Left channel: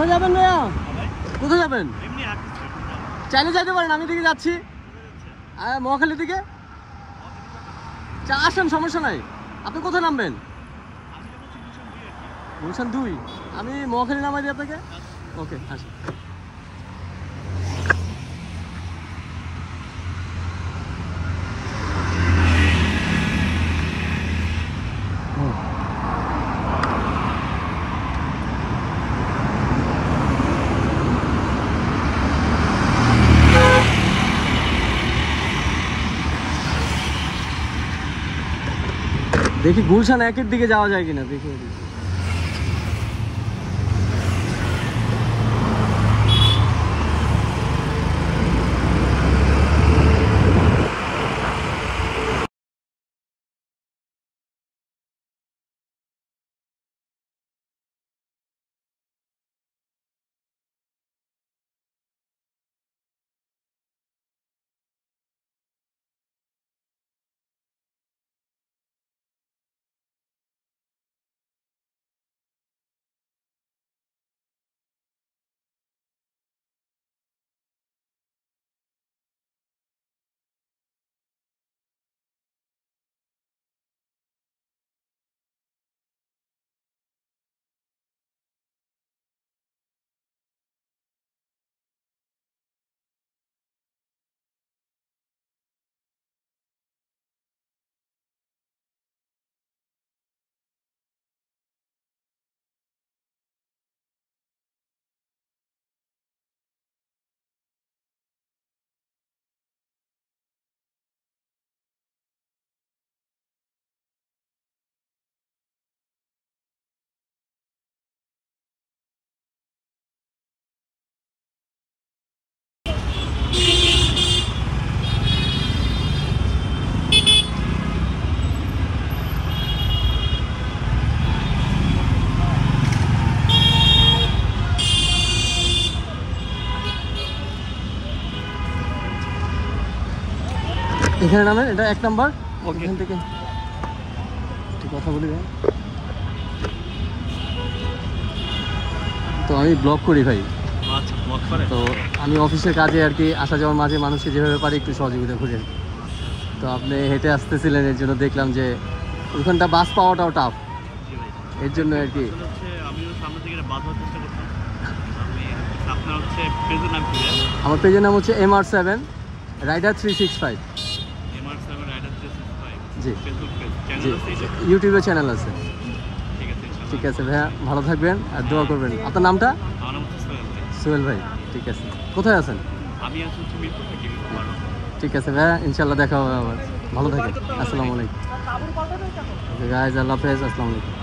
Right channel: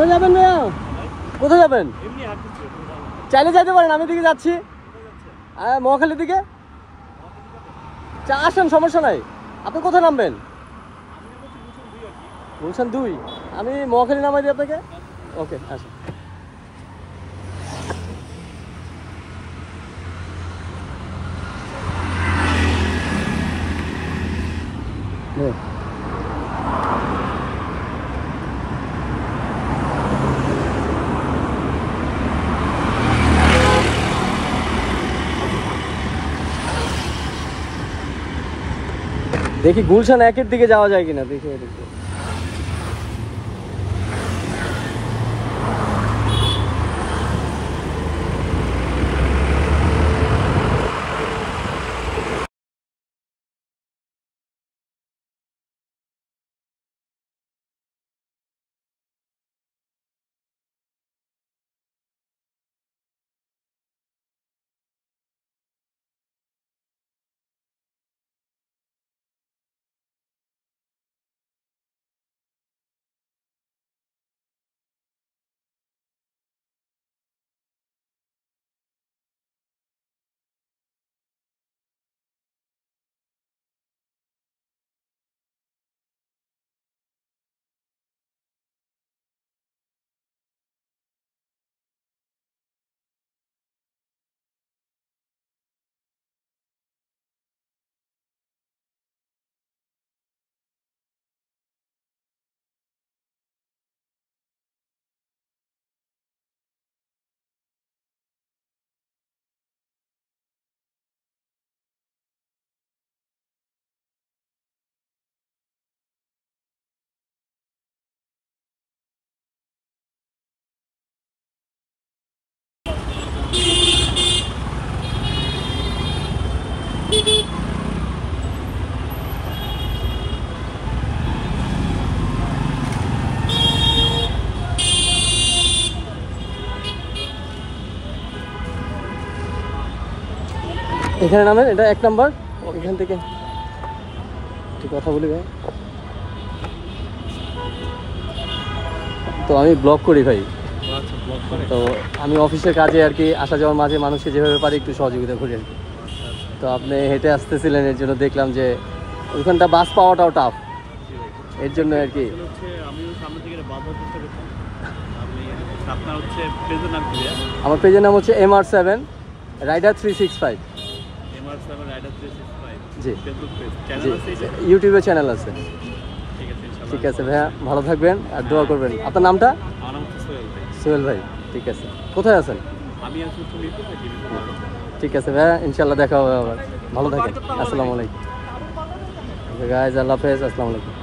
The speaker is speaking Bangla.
কোথায় যাবেন ভাইয়া? কোথায় যাবেন? চাইলে যাইতে পারেন, আমি দিকে যাচ্ছি মহাখালীর দিকে। আসেন, সমস্যা নাই। আপনি কোথায় নামবেন? গুলশান 2। আমি মহাখালী নামাই দিই আপনাকে। ওকে, আসেন। দেখি গুলশান 1-এর দিকে যাওয়া যায় কিনা, দেখি। এখানে নামেন, এটা 1 নাম্বার। এখান থেকে একটু কথা বলি ভাই। তো আমি ব্লগ করি ভাই। তো আমি অফিসের কাজে আর কি আসা যাওয়ার মাঝে মানুষকে যেভাবে পারি একটু সহযোগিতা করি আর কি। তো আপনি হেঁটে আসতেছিলেন, এর জন্য দেখলাম যে ওইখানটা বাস পাওয়াটাও টাফ, এর জন্য আর কি। আমিও সামনে থেকে বাস ধরার চেষ্টা করতাম। আপনার হচ্ছে পেজের নাম কি? আমার পেজের নাম হচ্ছে MR7 রাইডার 365। MR7 রাইডার 365 জি, ফেসবুক পেজ, চ্যানেল আছে, ইউটিউবে চ্যানেল আছে। ঠিক আছে ইনশাআল্লাহ। ঠিক আছে ভাইয়া, ভালো থাকবেন আর দোয়া করবেন। আপনার নামটা? আমার নাম হচ্ছে সোহেল ভাই। সোহেল ভাই, ঠিক আছে। কোথায় আছেন? আমি আছি মিরপুর থাকি, মিরপুর মারো। ঠিক আছে ভাইয়া, ইনশাআল্লাহ দেখা হবে আবার। ভালো থাকেন। আসসালামু আলাইকুম। ওকে গাইজ, আল্লাহ হাফেজ, আসসালামু আলাইকুম।